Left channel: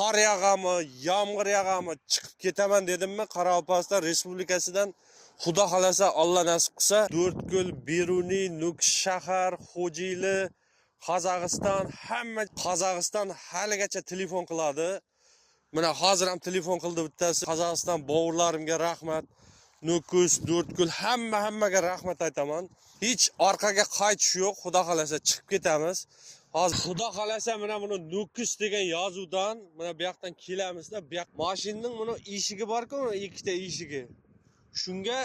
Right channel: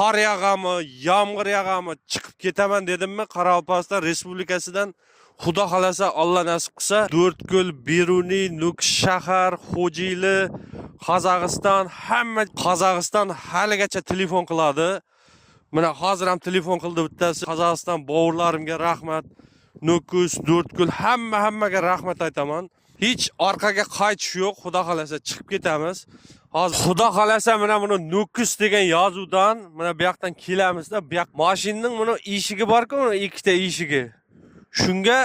Qar yağamı, yağmur yağamı chiqib ketaman dedimmi Qoraqalpog'iston Respublikasidan Xudo xolasa Alloh nasib qilsa 4ko'l, Beruniy, Nukus shahar, Xo'jayli, Qozog'iston haligacha telefon qiladi. Mana hozir ham telefon qildi bittasi. Qozog'iston bovurlarimga rahmat. Nukus, 4ko'l hammaga rahmat aytaman. Hech orqaga qaytish yo'q. Xudo xolasa chiqib ketamiz. Hozir Xudo xolasa mana buni Nukus degan yozuvdan mana bu yoqdan kelamizda. Bu yoq mashinaning buni eshigi bor-ku, ikkita eshigi. Shunga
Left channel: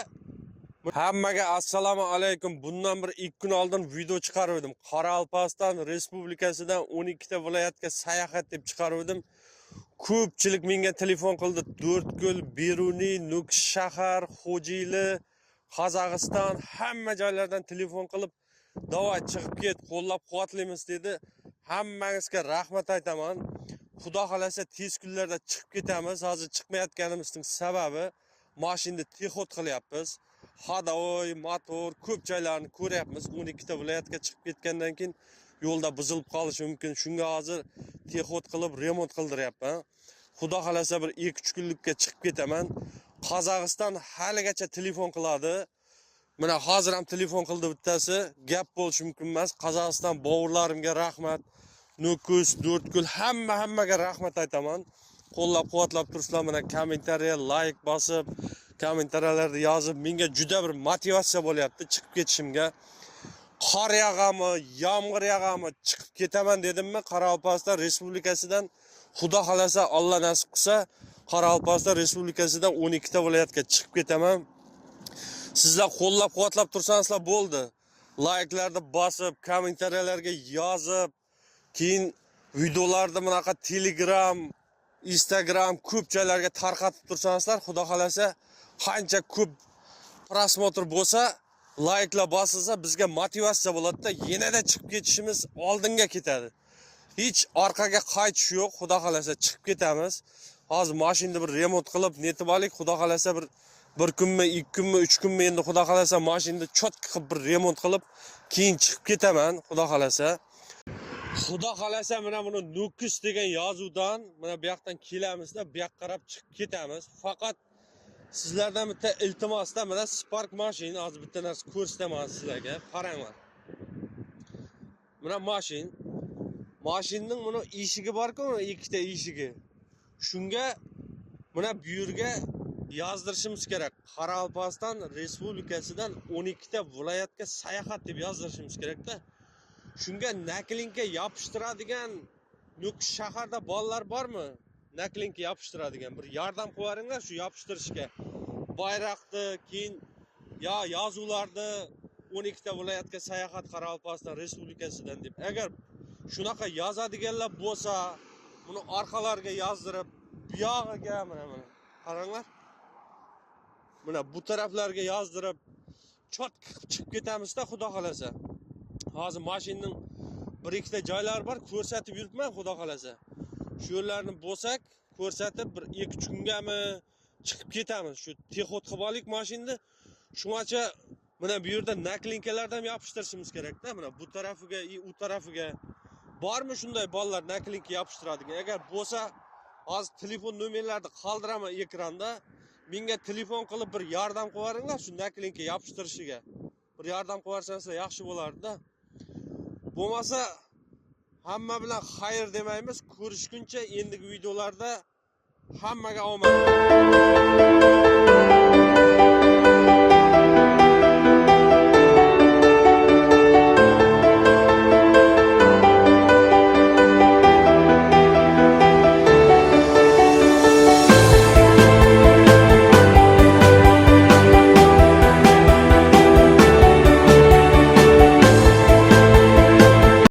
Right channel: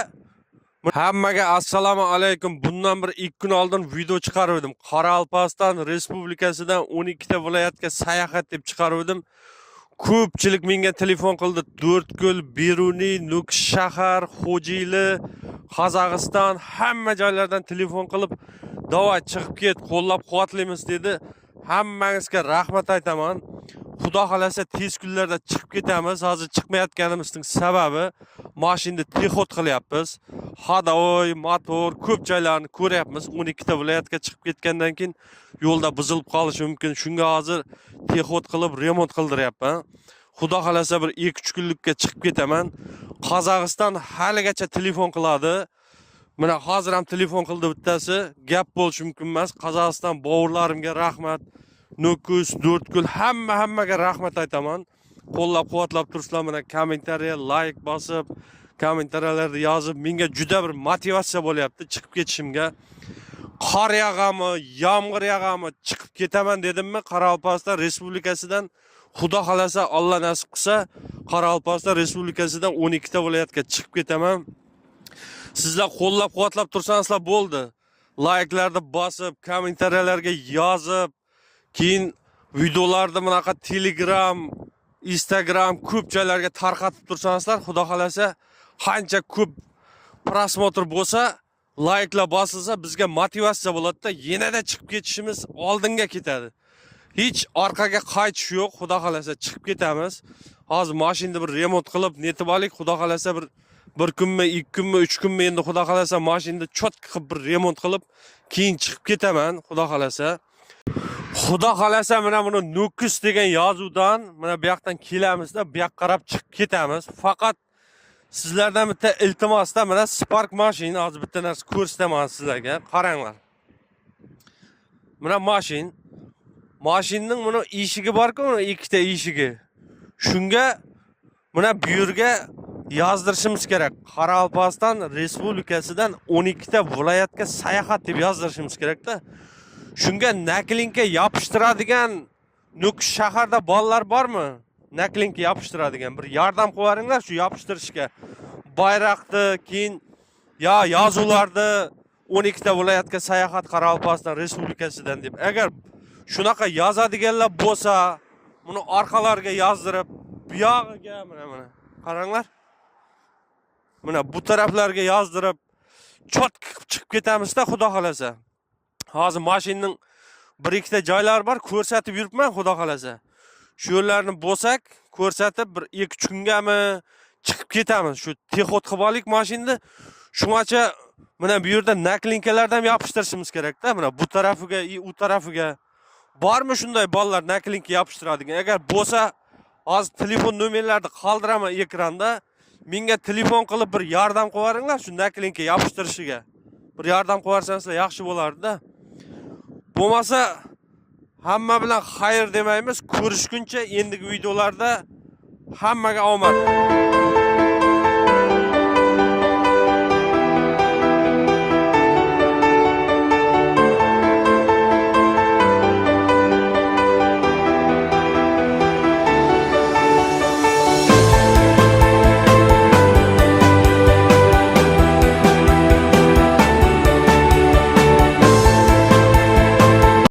hammaga assalomu alaykum. Bundan bir 2 kun oldin video chiqardim. Qoraqalpog'iston Respublikasidan 12 ta viloyatga sayohat deb chiqardim. Ko'pchilik menga telefon qildi. 4ko'l, Beruniy, Nukus shahar, Xo'jayli, Qozog'iston hamma joylardan telefon qilib, "Davay chiqib ket, qo'llab-quvvatlaymiz" dedi. Hammangizga rahmat aytaman. Xudo xolasa tez kunlarda chiqib ketamiz. Hozir chiqmayotganimizning sababi mashinani texot qilyapmiz. Hadovoy, motor, ko'p joylarni ko'ryapmiz. 12 ta viloyatga chiqib ketgandan keyin yo'lda buzilib qolishi mumkin. Shunga hozir texot qilib remont qildiryapman. Xudo xolasa bir 2-3 kunlikka chiqib ketaman. Qozog'iston haligacha telefon qiladi. Mana hozir ham telefon qildi bittasi. Gap bo'lishi mumkin emas. Qozog'iston bovurlarimga rahmat. Nukus, 4ko'l hammaga rahmat aytaman. Qo'llab-quvvatlab tursizlar, mana kommentariya, like bosib, kommentariyalarda yozib, menga juda bir motivatsiya bo'lyapti chiqib ketishimga. Qor yağamı, yağmur yağamı chiqib ketaman dedimmi Qoraqalpog'iston Respublikasidan Xudo xolasa Alloh nasib qilsa Qoraqalpog'iston Respublikasidan 12 ta viloyatga chiqib ketaman. Sizlar qo'llab-quvvatlab tursanizlar bo'ldi. Like'larni bosib, kommentariyalarga yozib, keyin videolarni bunaqa Telegram, Instagram ko'p joylarga tarqatib tursanizlar, Xudo xolasa qancha ko'p prosmotr bo'lsa, like'lar bosilsa bizga motivatsiya bo'ladi-da, yanada chiqib ketishimiz oldinga ketadi. Hech orqaga qaytish yo'q. Xudo xolasa chiqib ketamiz. Hozir mashinani bir remont qilib, netib olik. Xudo xolasa bir kunmi, 2 kunmi, 3 kunmi endi Xudo xolasa mashinani chotki qilib bir remont qilib, keyin chiqib ketaman, Xudo xolasa. Xudo xolasa mana buni Nukus degan yozuvdan mana bu yoqdan kelamizda, bu yoqqa qarab chiqib ketamiz. Faqat sizlardan bitta iltimosda mana Spark mashina hozir bitta narsa ko'rsataman sizlarga. Qaranglar. Mana mashinaning buni eshigi bor-ku, ikkita eshigi. Shunga mana bu yerga yozdirishimiz kerak. Qoraqalpog'iston Respublikasidan 12 ta viloyatga sayohat deb yozdirishimiz kerak-da. Shunga naklinka yopishtiradigan Nukus shaharda bolalar bormi? Naklinka yopishtiradigan bir yordam qilaringlar shu yopishtirishga. Bayroqni, keyin yozuvlarni 12 ta viloyatga sayohat Qoraqalpog'iston Respublikasidan deb. Agar shunaqa yozadiganlar bo'lsa, buni orqalariga yozdirib, bu yog'iga mana qaranglar. Mana bu taraflarga yozdirib, chotki chiqib ketamiz-da, Xudo xolasa. Hozir mashinaning 1-2 ta joylari bor, ko'rsatib yuribman, Xudo xolasa. Shu yerlarni bo'lsak, ko'rsatib bir 2-3 kungami chiqib ketamiz. Shu texot qilib olik mashinani. Shungacha mana bu yerda naklinkalardan yopishtirishimiz kerak-da. Mana bu tarafiga, u tarafiga bormi shunday bolalar naklinka yopishtiradigan? Agar bo'lsa, hozir telefon nomerlarini qoldiraman ekranda. Menga telefon qilib bir yordam qilaringlar shu naklinka yopishtirishiga. Bir yordam qilarsanizlar yaxshi bo'lardi-da. Bo'lmasa hamma bilan xayr demaymiz. Ko'rishguncha endigi videolarda hammaga omad.